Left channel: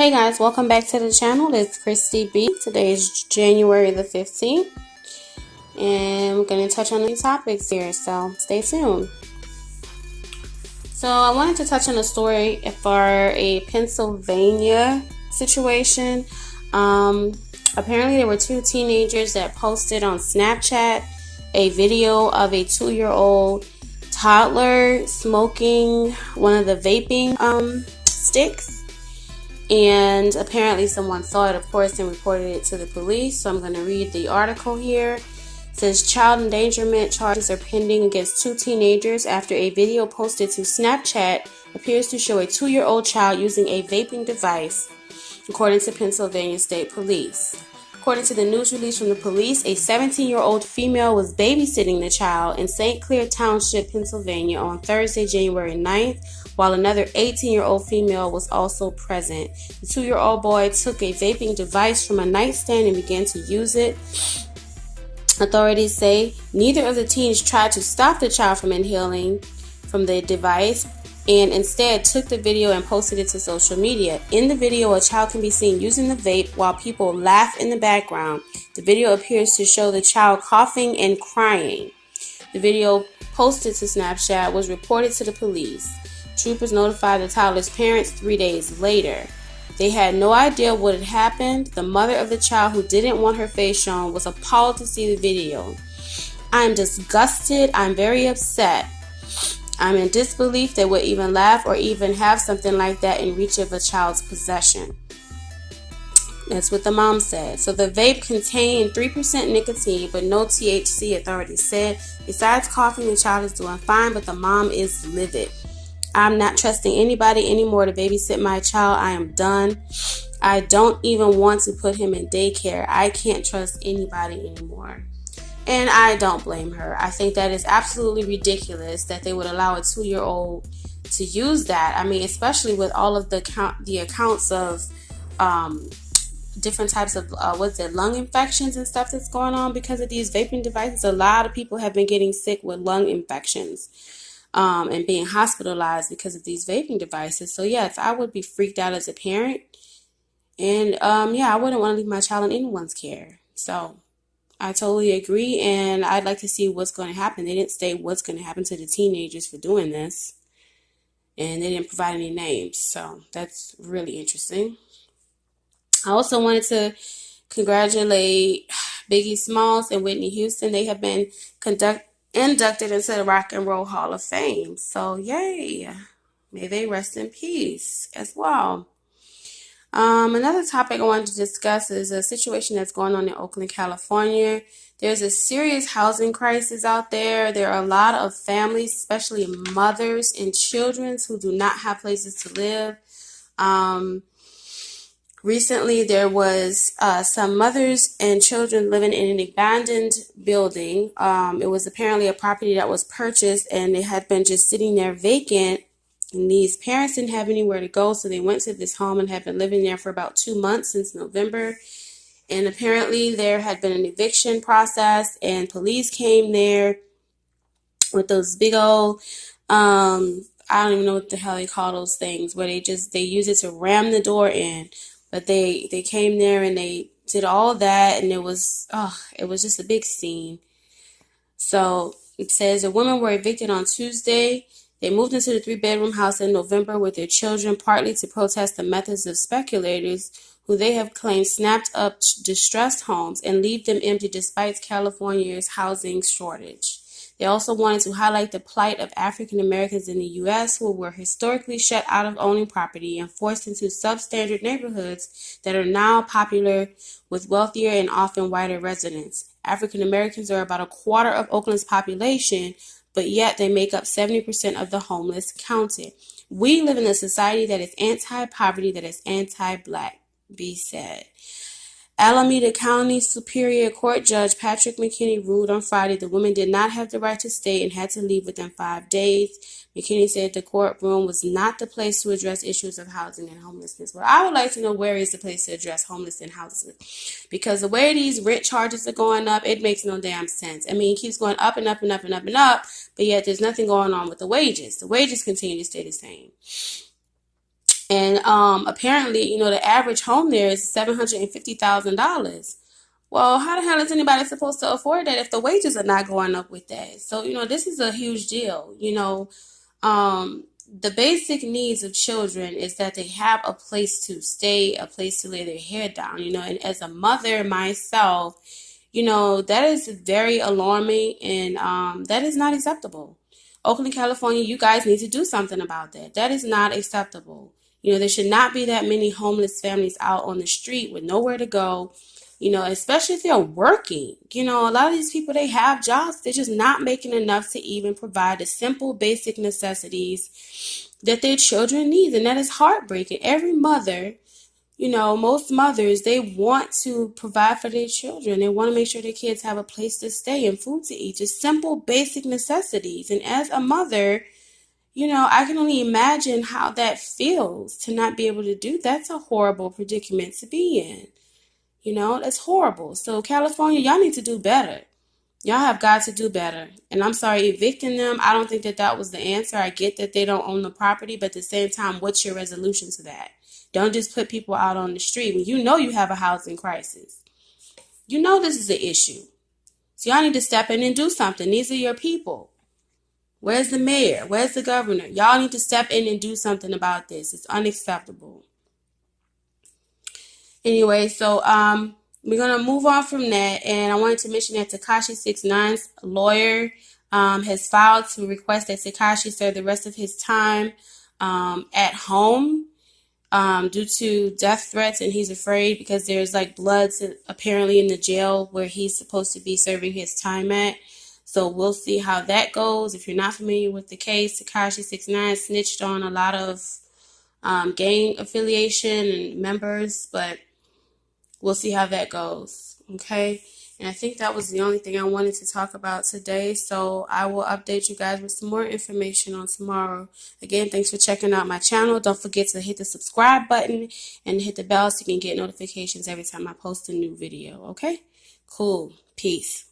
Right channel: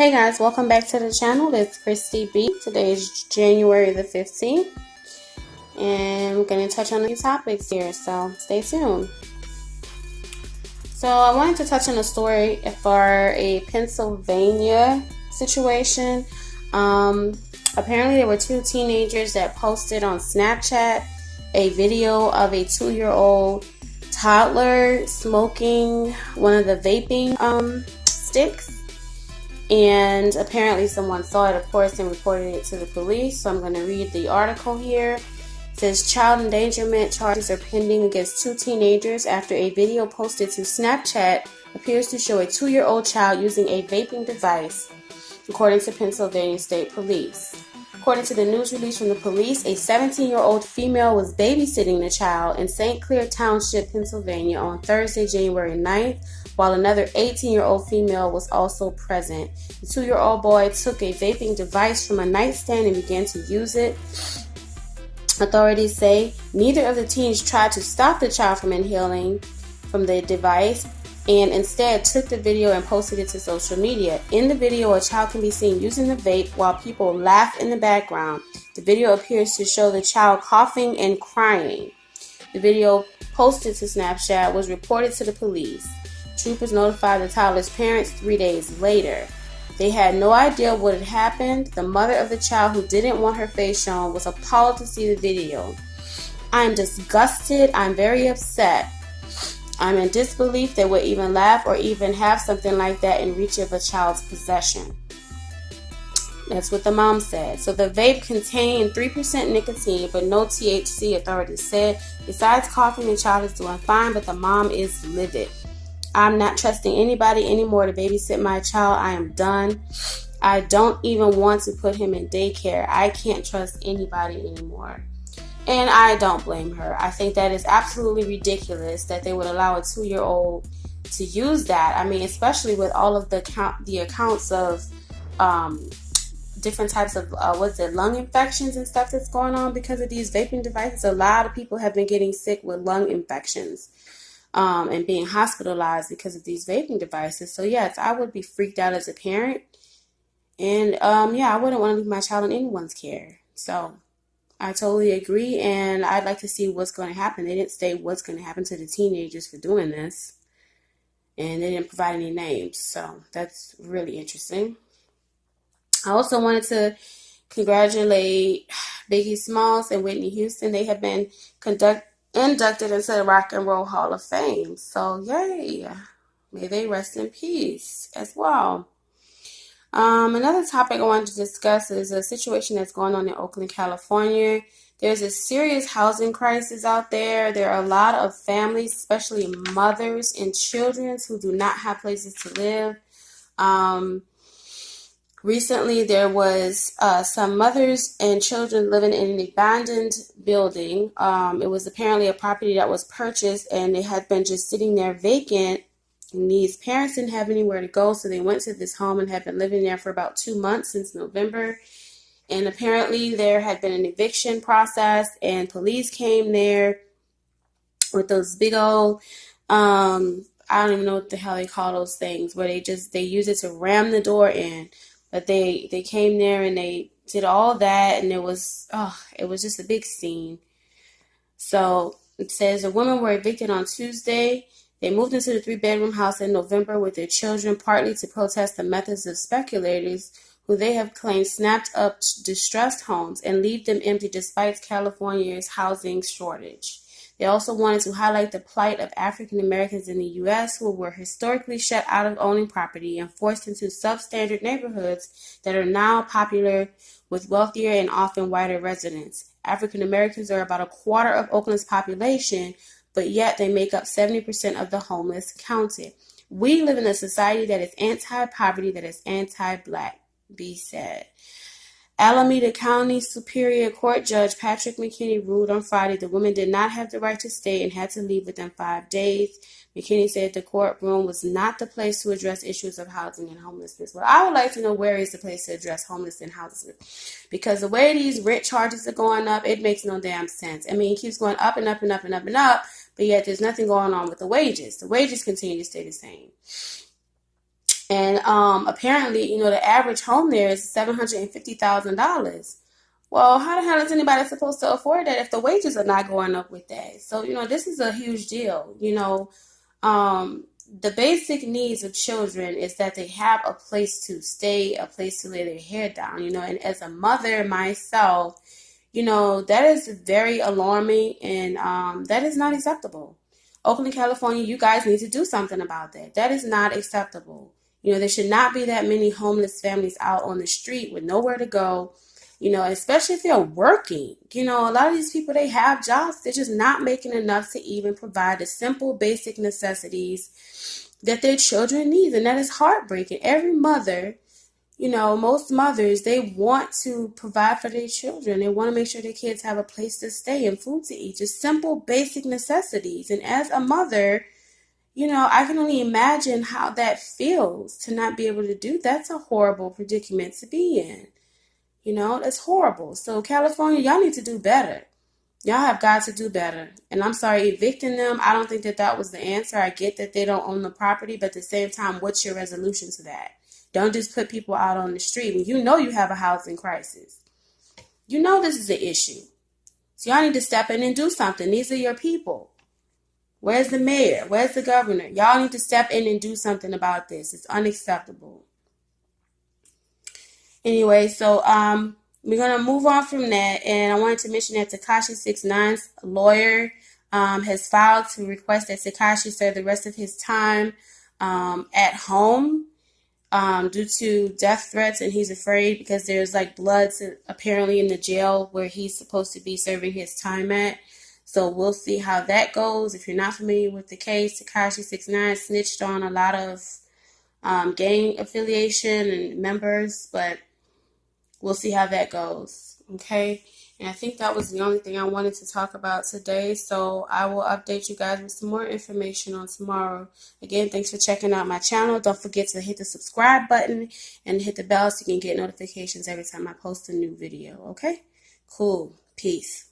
Hey guys, welcome back to the channel. It's Christy B. Today is January the 15th, and we're going to touch on a few topics here, so stay tuned. So I wanted to touch on a story for a Pennsylvania situation. Apparently there were two teenagers that posted on Snapchat a video of a 2-year-old toddler smoking one of the vaping sticks. And apparently someone saw it, of course, and reported it to the police. So I'm going to read the article here. It says child endangerment charges are pending against two teenagers after a video posted to Snapchat appears to show a 2-year-old child using a vaping device, according to Pennsylvania State Police. According to the news release from the police, a 17-year-old female was babysitting the child in St. Clair Township, Pennsylvania on Thursday, January 9th, while another 18-year-old female was also present. The 2-year-old boy took a vaping device from a nightstand and began to use it. Authorities say neither of the teens tried to stop the child from inhaling from the device and instead took the video and posted it to social media. In the video, a child can be seen using the vape while people laugh in the background. The video appears to show the child coughing and crying. The video posted to Snapchat was reported to the police. Troopers notified the toddler's parents 3 days later. They had no idea what had happened. The mother of the child, who didn't want her face shown, was appalled to see the video. "I am disgusted. I'm very upset. I'm in disbelief they would even laugh or even have something like that in reach of a child's possession." That's what the mom said. So the vape contained 3% nicotine but no THC, authorities said. Besides coughing, the child is doing fine, but the mom is livid. "I'm not trusting anybody anymore to babysit my child. I am done. I don't even want to put him in daycare. I can't trust anybody anymore." And I don't blame her. I think that is absolutely ridiculous that they would allow a 2-year-old to use that. I mean, especially with all of the accounts of different types of lung infections and stuff that's going on because of these vaping devices. A lot of people have been getting sick with lung infections and being hospitalized because of these vaping devices. So yes, I would be freaked out as a parent, and I wouldn't want to leave my child in anyone's care. So I totally agree, and I'd like to see what's going to happen. They didn't state what's going to happen to the teenagers for doing this, and they didn't provide any names, so that's really interesting. I also wanted to congratulate Biggie Smalls and Whitney Houston. They have been inducted into the Rock and Roll Hall of Fame, so yay! May they rest in peace as well. Another topic I wanted to discuss is a situation that's going on in Oakland, California. There's a serious housing crisis out there. There are a lot of families, especially mothers and children, who do not have places to live. Recently, there was some mothers and children living in an abandoned building. It was apparently a property that was purchased, and it had been just sitting there vacant. And these parents didn't have anywhere to go, so they went to this home and had been living there for about 2 months since November. And apparently there had been an eviction process, and police came there with those big old, I don't even know what the hell they call those things, where they use it to ram the door in. But they came there and they did all that, and it was just a big scene. So it says the women were evicted on Tuesday. They moved into the 3-bedroom house in November with their children, partly to protest the methods of speculators who they have claimed snapped up distressed homes and leave them empty despite California's housing shortage. They also wanted to highlight the plight of African Americans in the U.S. who were historically shut out of owning property and forced into substandard neighborhoods that are now popular with wealthier and often whiter residents. African Americans are about a quarter of Oakland's population, but yet they make up 70% of the homeless counted. "We live in a society that is anti-poverty, that is anti-black," B said. Alameda County Superior Court Judge Patrick McKinney ruled on Friday the women did not have the right to stay and had to leave within 5 days. McKinney said the courtroom was not the place to address issues of housing and homelessness. Well, I would like to know where is the place to address homelessness and housing, because the way these rent charges are going up, it makes no damn sense. I mean, it keeps going up and up and up and up and up, but yet there's nothing going on with the wages. The wages continue to stay the same. And apparently, the average home there is $750,000. Well, how the hell is anybody supposed to afford that if the wages are not going up with that? So, this is a huge deal. The basic needs of children is that they have a place to stay, a place to lay their head down, and as a mother myself, that is very alarming, and that is not acceptable. Oakland, California, you guys need to do something about that. That is not acceptable. There should not be that many homeless families out on the street with nowhere to go, especially if they're working. A lot of these people, they have jobs. They're just not making enough to even provide the simple, basic necessities that their children need. And that is heartbreaking. Every mother, most mothers, they want to provide for their children. They want to make sure their kids have a place to stay and food to eat, just simple, basic necessities. And as a mother, I can only imagine how that feels to not be able to do. That's a horrible predicament to be in. That's horrible. So California, y'all need to do better. Y'all have got to do better. And I'm sorry, evicting them, I don't think that was the answer. I get that they don't own the property, but at the same time, what's your resolution to that? Don't just put people out on the street when you have a housing crisis. This is an issue. So y'all need to step in and do something. These are your people. Where's the mayor? Where's the governor? Y'all need to step in and do something about this. It's unacceptable. Anyway, so we're going to move on from that. And I wanted to mention that Tekashi 6ix9ine's lawyer has filed to request that Tekashi serve the rest of his time at home due to death threats. And he's afraid because there's blood apparently in the jail where he's supposed to be serving his time at. So we'll see how that goes. If you're not familiar with the case, Tekashi 6ix9ine snitched on a lot of gang affiliation and members, but we'll see how that goes. Okay. And I think that was the only thing I wanted to talk about today. So I will update you guys with some more information on tomorrow. Again, thanks for checking out my channel. Don't forget to hit the subscribe button and hit the bell so you can get notifications every time I post a new video. Okay. Cool. Peace.